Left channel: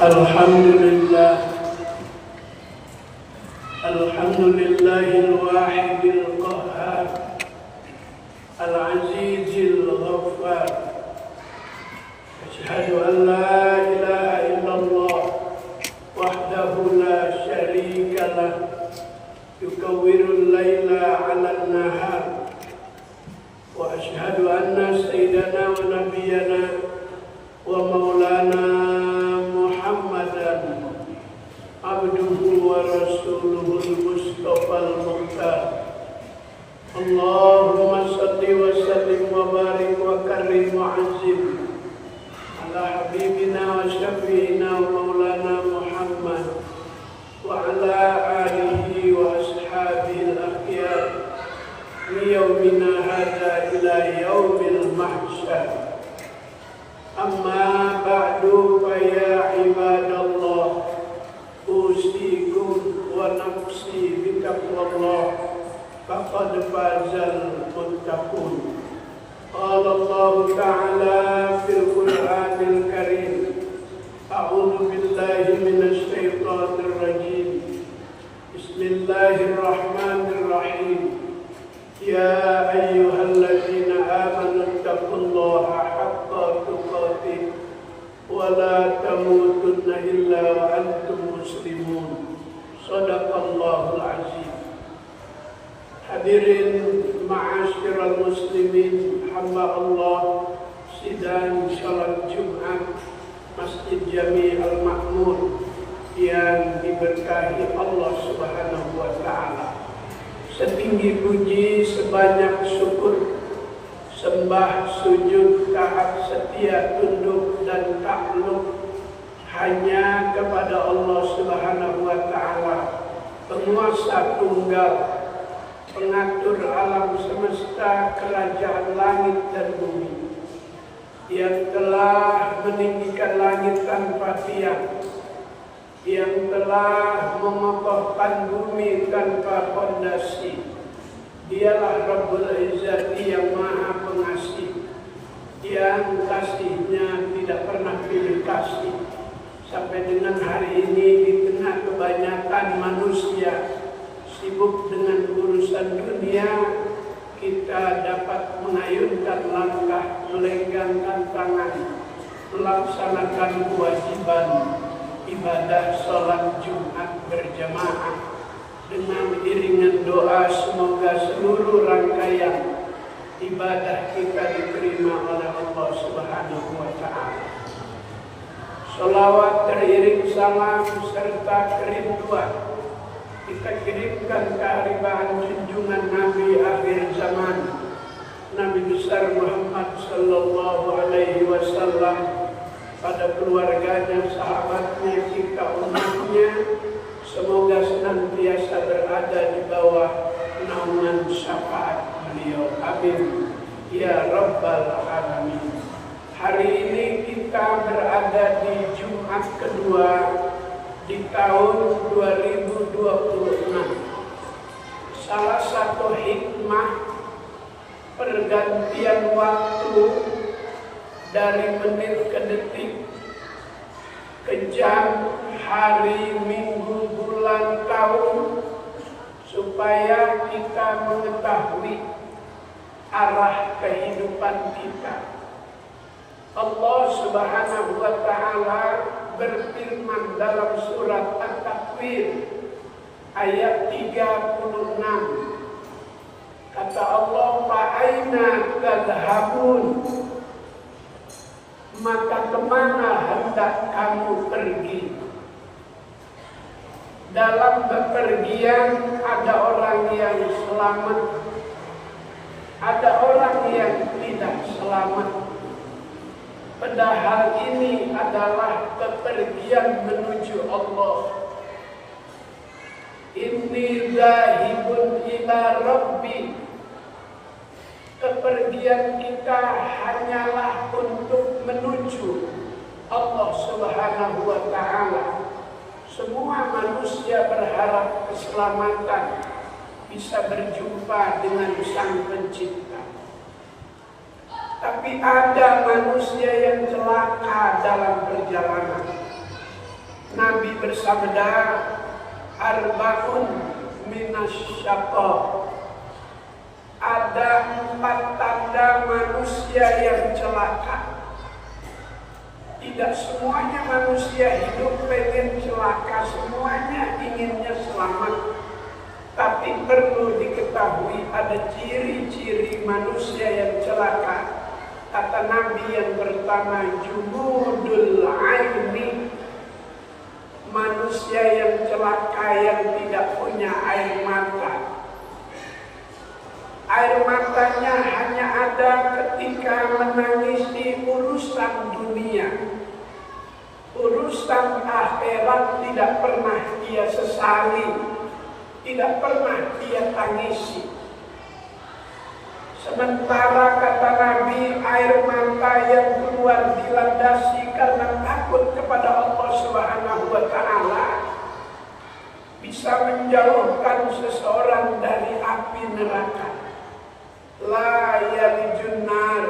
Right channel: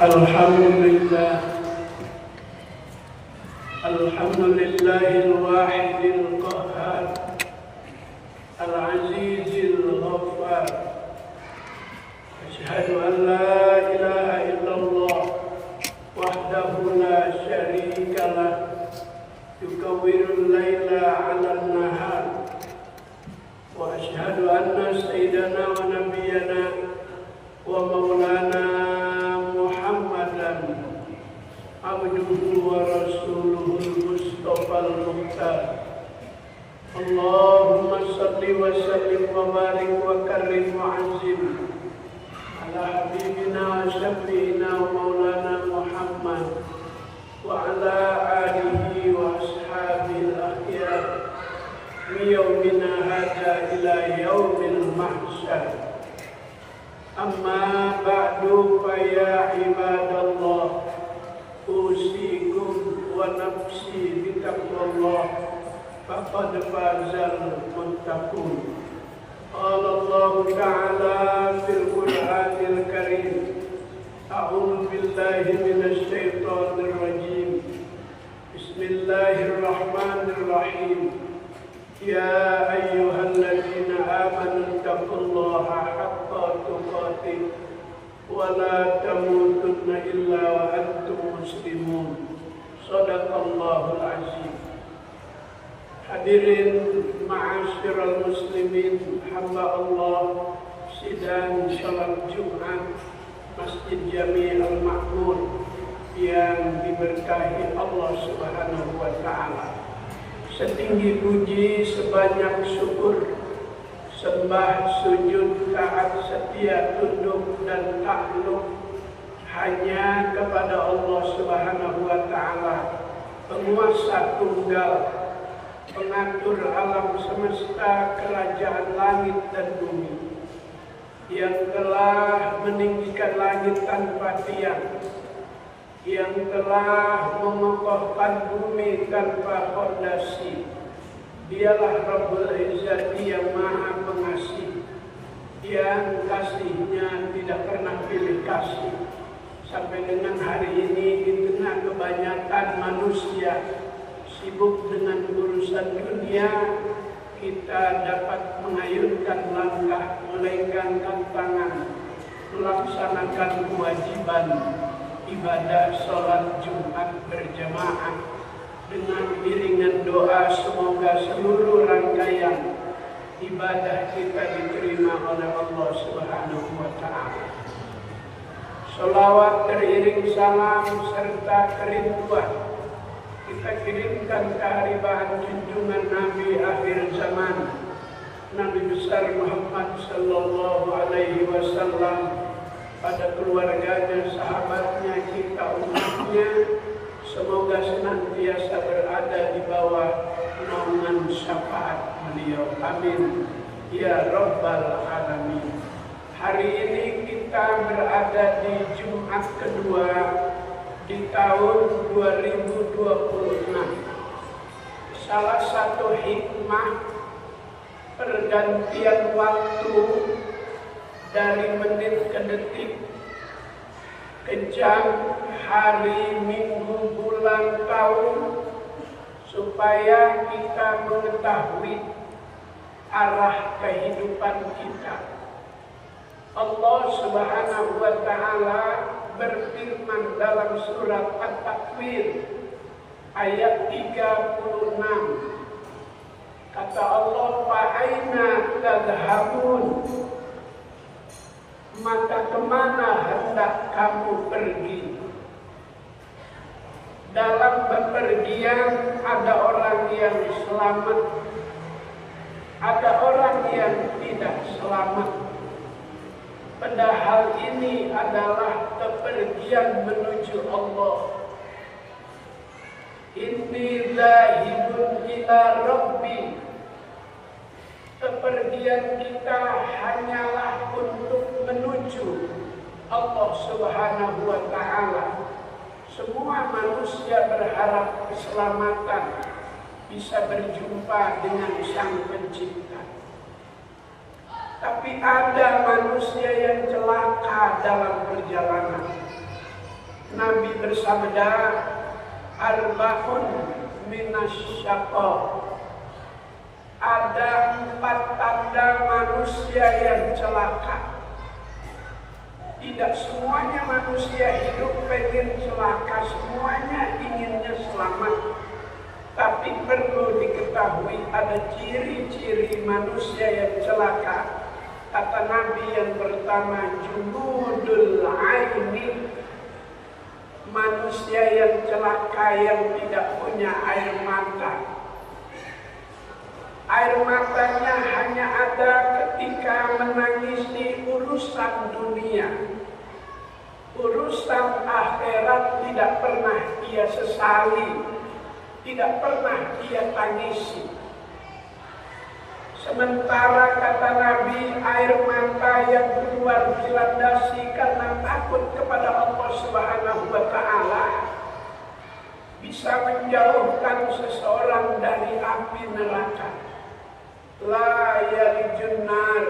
Alhamdulillah, alhamdulillahil wahidil qahhar, al-azizil ghaffar. Asyhadu an la ilaha illallah wahdahu la syarika lah, yukawwirul laila 'alan nahar. Wa asyhadu anna sayyidana wa nabiyyana wa maulana Muhammadan abduhu wa rasuluhul mustafal mukhtar. Allahumma salli wa sallim wa barik wa karrim wa azim ala habibina wa syafi'ina wa maulana Muhammad wa ala alihi wa ashabil akhyar min yaumina hadha ila yaumil mahsyar. Amma ba'du fa ya ibadallah, usikum wa nafsi bitaqwallah, faqad fazal muttaqun. Qala Allah ta'ala fil Qur'anil Karim, a'udzu billahi minasy syaithanir rajim. Bismillahirrahmanirrahim. Ya ayyuhalladzina amanu taqullaha haqqa tuqatih wa la tamutunna illa wa antum muslimun. Shadaqallahul azim. Hadirin ma'asyiral muslimin, hamba Allah, sidang salat Jumat Masjid Jami' Al-Ma'mur yang diberkahi Allah Subhanahu wa ta'ala. Setinggi puji, sebanyak syukur, sembah, sujud, taat, setia, tunduk dan takluk hanya kepada Allah Subhanahu wa ta'ala, penguasa tunggal, pengatur alam semesta, kerajaan langit dan bumi, yang telah meninggikan langit tanpa tiang, yang telah mengokohkan bumi tanpa fondasi. Dialah Rabbul Izzati yang Maha Pengasih, yang kasihnya tidak pernah pilih kasih. Sampai dengan hari ini di tengah kebanyakan manusia sibuk dengan urusan dunia, kita dapat mengayunkan langkah, melenggangkan tangan, melaksanakan kewajiban ibadah sholat Jumat berjamaah dengan iringan doa semoga seluruh rangkaian ibadah kita diterima oleh Allah Subhanahu wa ta'ala. Sholawat teriring salam serta kerinduan kita kirimkan keharibaan junjungan Nabi akhir zaman, Nabi besar Muhammad sallallahu alaihi wasallam, pada keluarganya, sahabatnya, kita umatnya. Semoga senantiasa berada di bawah naungan syafaat beliau. Amin ya rabbal alamin. Hari ini kita berada di Jumat kedua di tahun 2026. Salah satu hikmah pergantian waktu dari menit ke detik, ke jam, hari, minggu, bulan, tahun, supaya kita mengetahui arah kehidupan kita. Allah Subhanahu wa ta'ala berfirman dalam surat At-Takwir ayat 36. Kata Allah, "Fa'aina tadhhabun?" Maka kemana hendak kamu pergi? Dalam bepergian ada orang yang selamat, ada orang yang tidak selamat. Padahal ini adalah bepergian menuju Allah. Inni zahibun ila Rabbi. Kepergian kita hanyalah untuk menuju Allah Subhanahu wa ta'ala. Semua manusia berharap keselamatan, bisa berjumpa dengan Sang Pencipta. Tapi ada manusia yang celaka dalam perjalanan. bersabda, arba'un minasyaqa. Ada 4 tanda manusia yang celaka. Tidak semuanya manusia hidup pengen celaka, semuanya inginnya selamat. Tapi perlu diketahui ada ciri-ciri manusia yang celaka. Kata Nabi yang pertama, jumudul aini, manusia yang celaka yang tidak punya air mata. Air matanya hanya ada ketika menangis di urusan dunia. Urusan akhirat tidak pernah dia sesali, tidak pernah dia tangisi. Sementara kata Nabi, air mata yang keluar dilandasi karena takut kepada Allah Subhanahu wa Ta'ala bisa menjauhkan seseorang dari api neraka. La yalijun nar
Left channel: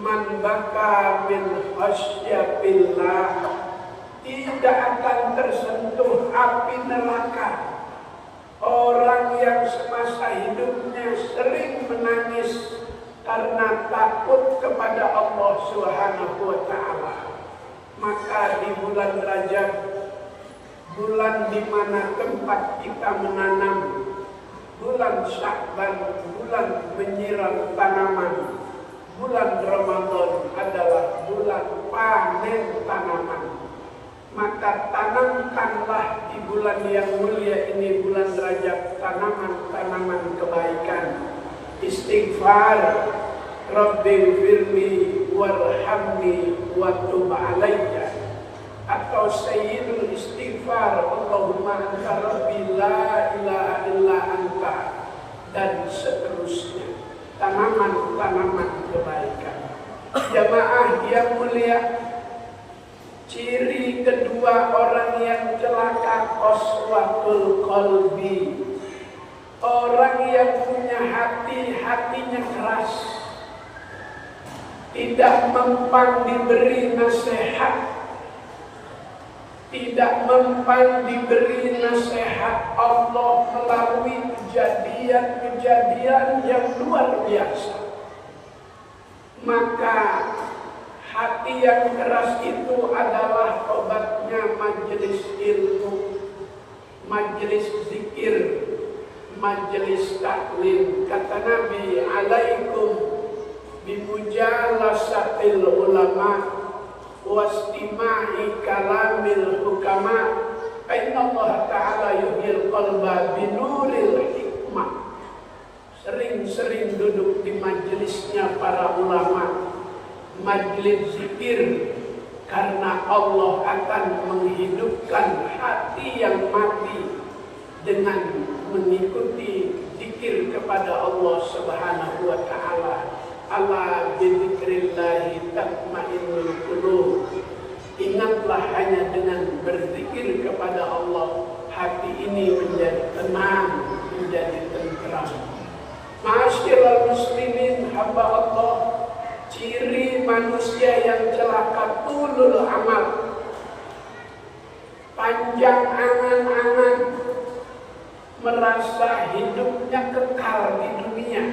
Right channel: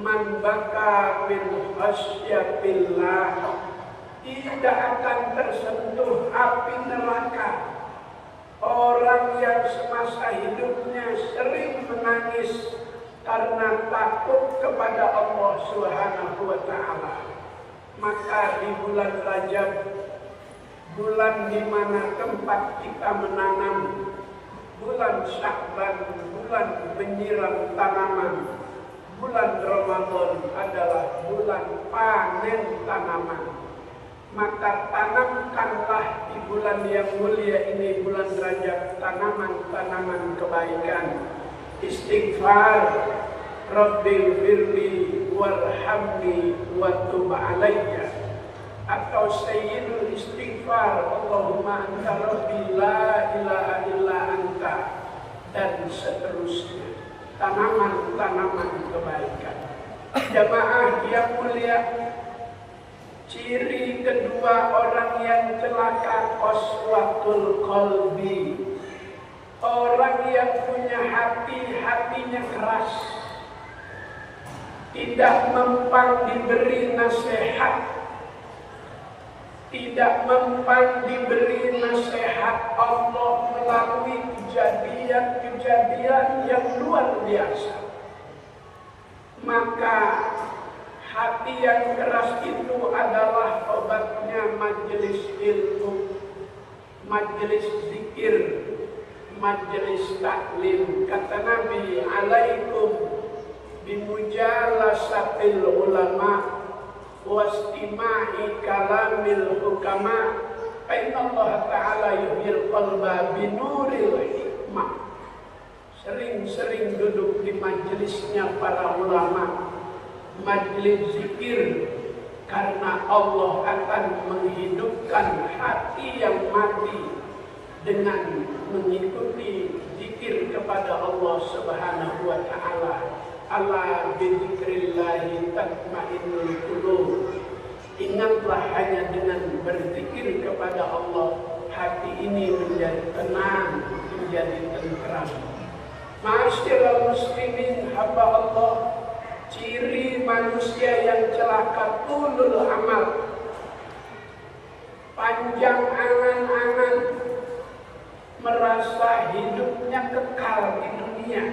man baka bil khasyatillah. Tidak akan tersentuh api neraka orang yang semasa hidupnya sering menangis karena takut kepada Allah Subhanahu wa Ta'ala. Maka di bulan Rajab, bulan di mana tempat kita menanam, bulan Sya'ban, bulan menyiram tanaman, bulan Ramadan adalah bulan panen tanaman. Maka tanamkanlah di bulan yang mulia ini, bulan Rajab, tanaman-tanaman kebaikan. Istighfar, Rabbighfirli warhamni wa tub alayya. Atau sayyidul istighfar, Allahumma anta rabbi la ilaha illa anta, dan seterusnya. Tanaman-tanaman kebaikan. Jamaah yang mulia, ciri kedua orang yang celaka, qaswatul qalbi. Orang yang punya hati, hatinya keras, tidak mempan diberi nasihat, tidak mempan diberi nasihat Allah melalui kejadian-kejadian yang luar biasa. Maka hati yang keras itu adalah obatnya majelis ilmu, majelis zikir, majelis taklim. Kata Nabi, alaikum bimujalasatil ulama wastima'i kalamil hukama, inna Allah ta'ala yuhyil qalba binuril hikmah. Sering-sering duduk di majelisnya para ulama, majelis zikir, karena Allah akan menghidupkan hati yang mati dengan mengikuti zikir kepada Allah Subhanahu wa Ta'ala. Ala bidzikrillahi tatmainnul qulub. Ingatlah, hanya dengan berzikir kepada Allah hati ini menjadi tenang, menjadi tentram. Ma'asyiral muslimin, hamba Allah, ciri manusia yang celaka tulul amal, panjang angan-angan, merasa hidupnya kekal di dunia.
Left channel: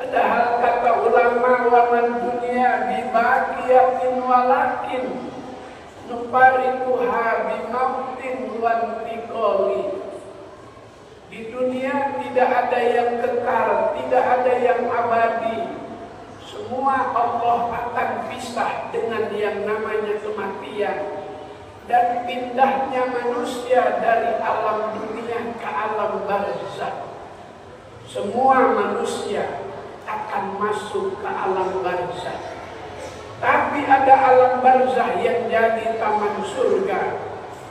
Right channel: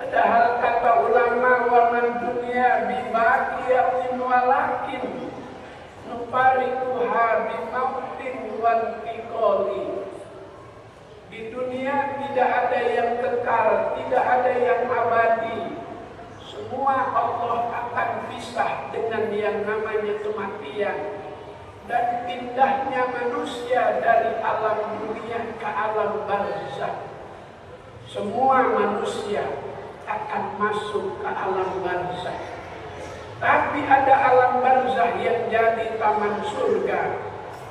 Padahal kata ulama, waman dunia bibaqiyatin walakin nufarikuha bimautin wantiqoli. Di dunia tidak ada yang kekal, tidak ada yang abadi. Semua Allah akan pisah dengan yang namanya kematian. Dan pindahnya manusia dari alam dunia ke alam barzakh. Semua manusia akan masuk ke alam barzakh. Tapi ada alam barzakh yang jadi taman surga.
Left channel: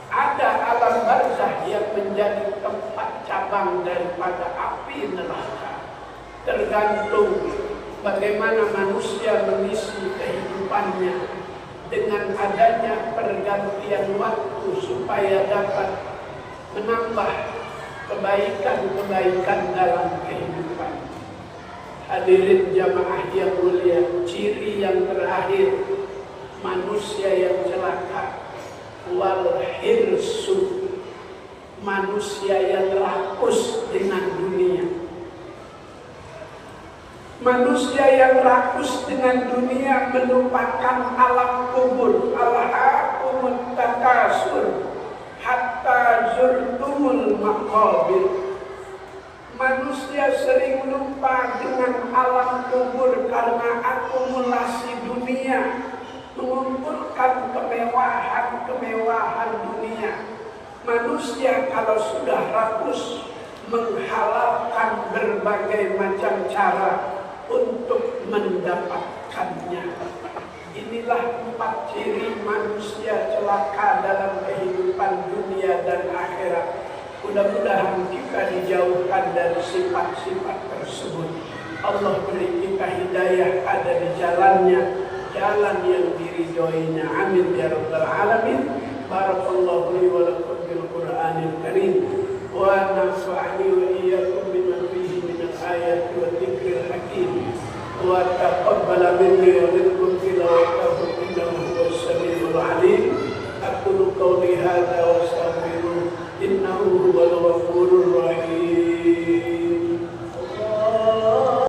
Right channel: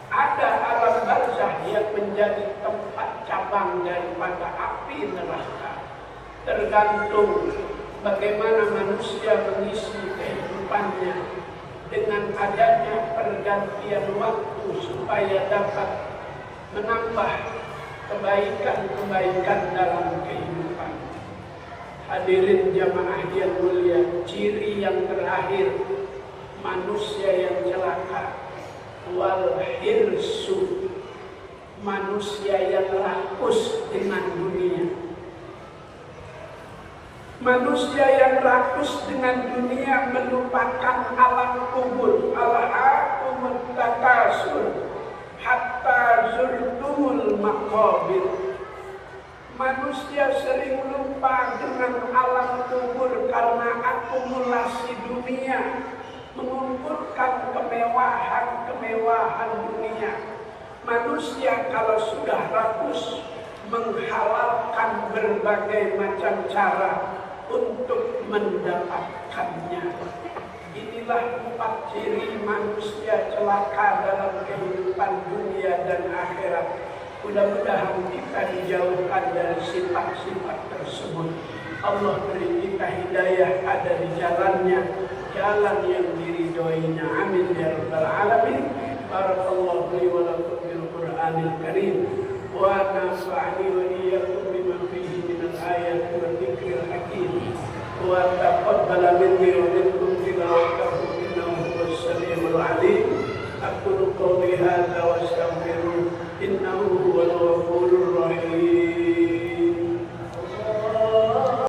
Ada alam barzakh yang menjadi tempat cabang daripada api neraka. Tergantung bagaimana manusia mengisi kehidupannya dengan adanya pergantian waktu supaya dapat menambah kebaikan-kebaikan dalam kehidupan. Hadirin jamaah yang mulia, ciri yang terakhir manusia yang celaka, wal su, manusia yang rakus dengan dunia. Manusia yang rakus dengan dunia melupakan alam kubur. Alhaakumut takasur hatta zurtumul maqabir. Manusia sering lupa dengan alam kubur karena akumulasi dunia, mengumpulkan kemewahan dunia. Manusia kalau sudah rakus menghalalkan berbagai macam cara untuk mendapatkannya. Inilah 4 ciri manusia celaka dalam kehidupan dunia dan akhirat. Mudah-mudahan kita dijauhkan dari sifat-sifat tersebut. Allah beri kita hidayah ada di jalannya, jalan yang diridhoinya. Amin ya rabbal alamin. Barakallahu li wa lakum bil Qur'anil Karim wa nafa'ani wa iyyakum bima fihi minal ayati wa dzikril hakim wa taqabbala minni wa minkum tilawatahu innahu huwas samiul alim. Aqulu qawli hadza wa